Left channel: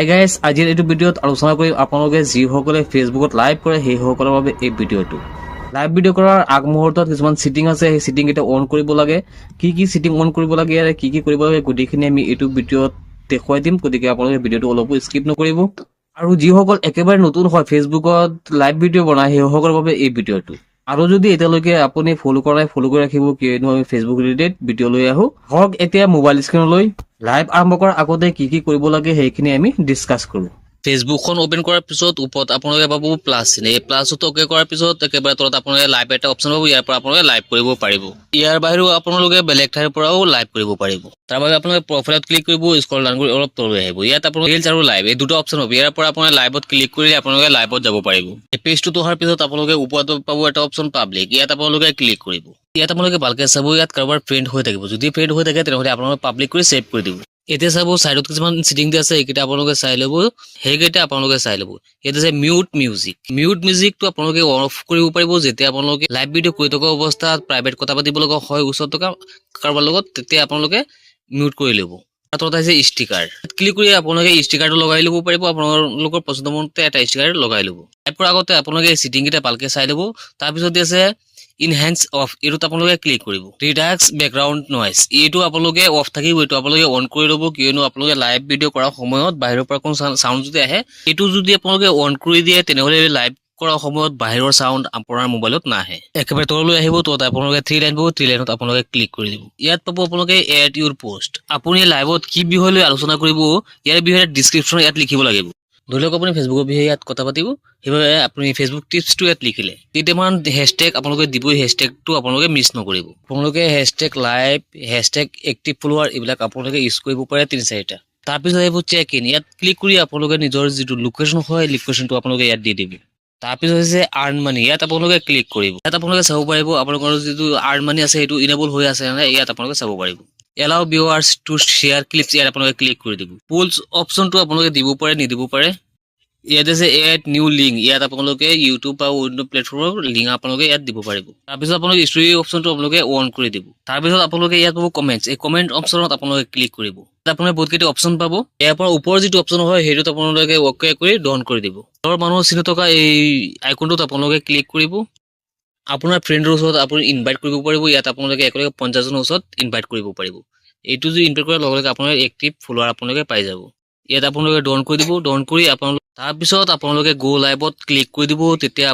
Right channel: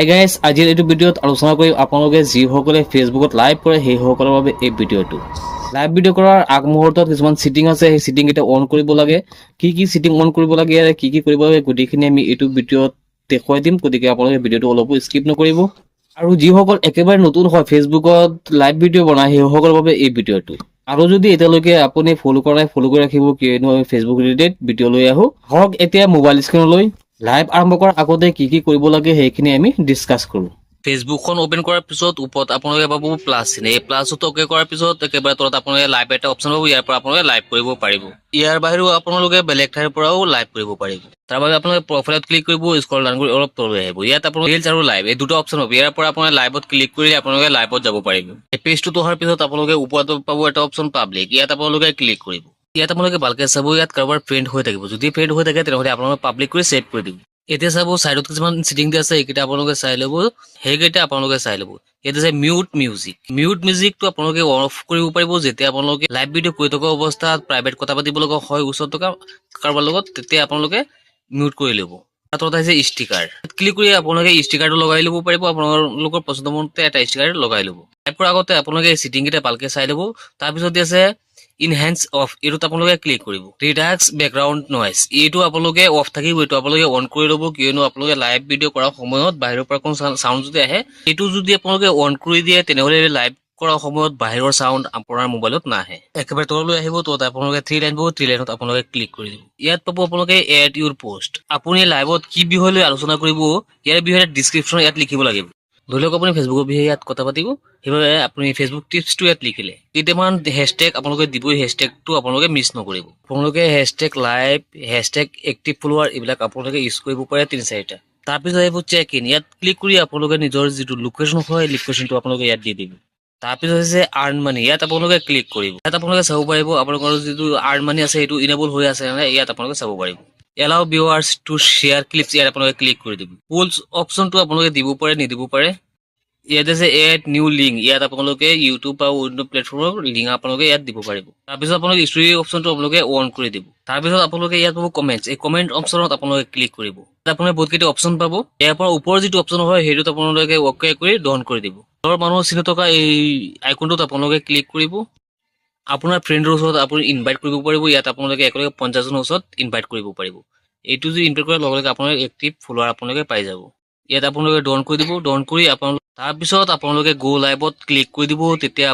Hey guys, আজিৰ এইটো ভিডিঅ'ত আলোচনা কৰিম আপোনালোকে যিসকলে ফেচবুকত লাইভ কৰে সেইসকলৰ বাবে এই ভিডিঅ'টো। লাইভ ভিডিঅ' কৰাৰ আগমুহূৰ্তত কিছুমান ছেটিং আছে, সেই ছেটিং কেইটা অন কৰিব লাগে। কি ছেটিং অন কৰিব লাগে আৰু কি কৰিব লাগে গোটেইখিনি আমি এইটো ভিডিঅ'ত দেখুৱাই দিম, গতিকে আপোনালোকে ভিডিঅ'টো অলপো স্কিপ নকৰিব। আৰু যিসকল একেবাৰে নতুন হয় ফেচবুকত লাইভ ভিডিঅ' বনায় সেইসকলৰ বাবে এই ভিডিঅ'টো। আৰু যদি এতিয়ালৈকে আপুনি ফ'ল' কৰা নাই ফ'ল' কৰি ৰাখিব, কিয়নো আমি ফেচবুক ৰিলেটেড ভিডিঅ' লৈ আহোঁ। হওক এতিয়া মোবাইল স্ক্ৰীনলৈ লাইভ আৰম্ভ কৰাৰ আগতে কি কৰিব লাগে সেইখিনি আমি ডিছকাছ কৰোঁ। ফেচবুকখন অপেন কৰাৰ পিছত ওপৰত আপোনালোকে পাব প্লাছ চিন। এই প্লাছটো অকে কৰাৰ পিছত একেবাৰে তলত আপোনালোকে লাইভ এটা অপশ্যন পাব, ইয়াৰ পৰা আপোনালোকে লাইভ কৰিব পাৰিব। ইয়াৰ বাহিৰেও আপোনালোকে বেলেগ ঠাইৰ পৰাও লাইভ কৰিব পাৰিব। তাৰ বাবে আপোনালোকে প্ৰফাইলত ক্লিক কৰিব, স্ক্ৰল ডাউন কৰি অলপ তললৈ আহিব। ইয়াত আপোনালোকে ৰিলছ আৰু লাইভ এই দুটা অপশ্যন পাব। ইয়াৰ পৰা আপোনালোকে লাইভত ক্লিক কৰিলে আপোনালোকে লাইভত যাব পাৰিব। এই পেজটোত অহাৰ পিছত আপোনালোকে ওপৰত পাব এটা অপশ্যন পাব্লিক, ইয়াত আপোনালোকে ক্লিক কৰিব। ইয়াত আপোনালোকে ভালকে চাব, ইয়াত কাৰোবাৰ ফ্ৰেণ্ড হৈ থাকিব। যদি ফ্ৰেণ্ড হৈ থাকে তেনেহ'লে আপোনালোকে পাব্লিক কৰি ছেভ কৰি দিব। এতিয়া চাব চাইডত কিছুমান ছেটিং আছে, এইকেইটা আপোনালোকে চাই ল'ব, সেইকেইটা আপোনালোকে চাই ল'ব। ইয়াত আছে মিউট মিউজিক। মিউট মিউজিকটো আপোনালোকে অফ কৰিব পাৰিব যেতিয়া আপোনালোকে লাইভ ভিডিঅ' কৰি থকা অৱস্থাত প্ৰাইভেট কথা পাতিব লগা হয় ওচৰত থকা কাৰোবাৰ লগত, তেতিয়া আপোনালোকে মিউট কৰি ল'ব। তলত আহিছে ষ্টিকাৰ, ক্লিক কৰি আপোনালোকে ষ্টিকাৰটো লগাই ল'ব পাৰিব। আপোনালোকৰ পচন্দ মতে এটা ষ্টিকাৰ লগাই ল'ব। লাইভ কৰাৰ আগতে আপোনালোকে এই ছেটিং কেইটা ভালকে চাই ল'ব। তাৰপিছত আছে ইনহেন্স অফ, এইটোত আপোনালোকে ক্লিক কৰিব। ৰিডাক্স বেকগ্ৰাউণ্ড নইজ, এইটো আপোনালোকে অফ থাকিব, এইটো আপোনালোকে অন কৰি ল'ব, কিয়নো আপোনালোকে লাইভ ভিডিঅ' কৰাৰ সময়ত বাহিৰৰ পৰা কোনো চাউণ্ড যদি আহে, এইটো যদি আপোনালোকে অন কৰি দিয়ে তেনেহ'লে লাইভ কৰাৰ সময়ত বাহিৰৰ চাউণ্ড আপোনাৰ মোবাইলত নাহে। একেবাৰে তললৈ আহিব, তলত আপোনালোকে থ্ৰী লাইন পাব, থ্ৰী লাইনত আপোনালোকে ক্লিক কৰি দিব। ইয়াত পাব আপোনালোকে এড ইউৰ পোষ্ট। আপুনি লাইভত কি বিষয় লৈ আলোচনা কৰিব ইয়াৰ বিষয়ে ডিছক্ৰিপশ্যন ইয়াত লিখিব লাগিব। ধৰি লওক আপুনি ফেচবুকৰ বিষয়ে ইয়াত কথা পাতিব, সেইবাবে আপুনি ফেচবুক টিপছটো ইয়াত লিখিলে। কেইটামান হেছটেগ আপোনালোকে দিবই, হেছটেগটো আপোনালোকে মিছ নকৰিব। আপোনালোকে hashtag live, hashtag active flower এইবিলাক আপোনালোকে ইউজ কৰিব পাৰে 3-4টা। তাৰপিছত আহিব চেক ইন, ইয়াত ক্লিক কৰি আপোনালোকে নিজৰ যিটো লোকেশ্যন হয় লোকেশ্যনটো আপোনালোকে ইয়াত দি দিব। তাৰপিছত হৈছে আৰ্ণ মানি, ইয়াত আপোনালোকে ক্লিক কৰিব। ইয়াত আপোনালোকে চাব পাৰিব আপোনালোকৰ যিটো আৰ্ণ মানি আছে সেইটো ইনেবল হৈ আছে নে, ইয়াত আপোনালোকে চাব পাৰিব। Allow viewers to share clips, ইয়াত আপোনালোকে ক্লিক কৰি দিব। পোলছ অপশ্যনটো আপোনালোকে দিব পাৰে নিদিব পাৰে। ইয়াত আছে এড নিউ লিংক, ইয়াত আপোনালোকে ইউটিউব বা অন্য প্লেটফৰ্মৰ লিংক আপোনালোকে ইয়াত দিব পাৰিব। তাৰপিছত আপোনালোকে ষ্টৰী অপশ্যনটো আপোনালোকে অন কৰি দিব। তাৰপিছত আপোনালোকে ইয়াত পাব কমেণ্টছ, এই কমেণ্ট অপশ্যনত আপোনালোকে ক্লিক কৰিব। তাত আপোনালোকে বহুতকেইটা অপশ্যন পাব। ইয়াৰ পৰা ওপৰৰ যিটো অপশ্যন হয় সেইটোত আপোনালোকে অকে কৰি ডন কৰি দিব। ঘৰৰ মানুহৰ চিনি থকা এই আইকনটোত আপোনালোকে ক্লিক কৰিব। আপোনাৰ ফ্ৰেণ্ডৰ ওচৰত আপুনি ইনভাইট কৰিব পাৰিব। ইয়াত আপোনালোকে একেলগে 50জনৰ ওচৰত ইনভাইট কৰিব পাৰিব। এইটো যদি ইনভাইট কৰাৰ লগে লগে আপোনালোকে এক্টিভ ফলোৱাৰ আপোনালোকে পাই যাব। ইয়াত আপোনালোকে ডন কৰি দিব, ডন কৰি আপোনালোকে তাৰপিছত আপোনালোকে গো লাইভত ক্লিক কৰি দিব। তেতিয়া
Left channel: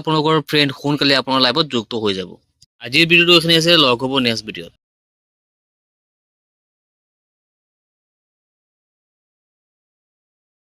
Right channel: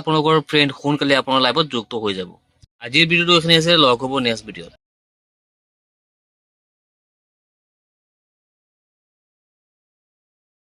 আপোনালোকৰ ফ্ৰেণ্ড সোনকালে আপোনাৰ লাইভত যুক্ত হৈ যাব। আজিৰ ভিডিঅ'টো এইখিনি আছে, লগ হ'ব নেক্সট ভিডিঅ'ত।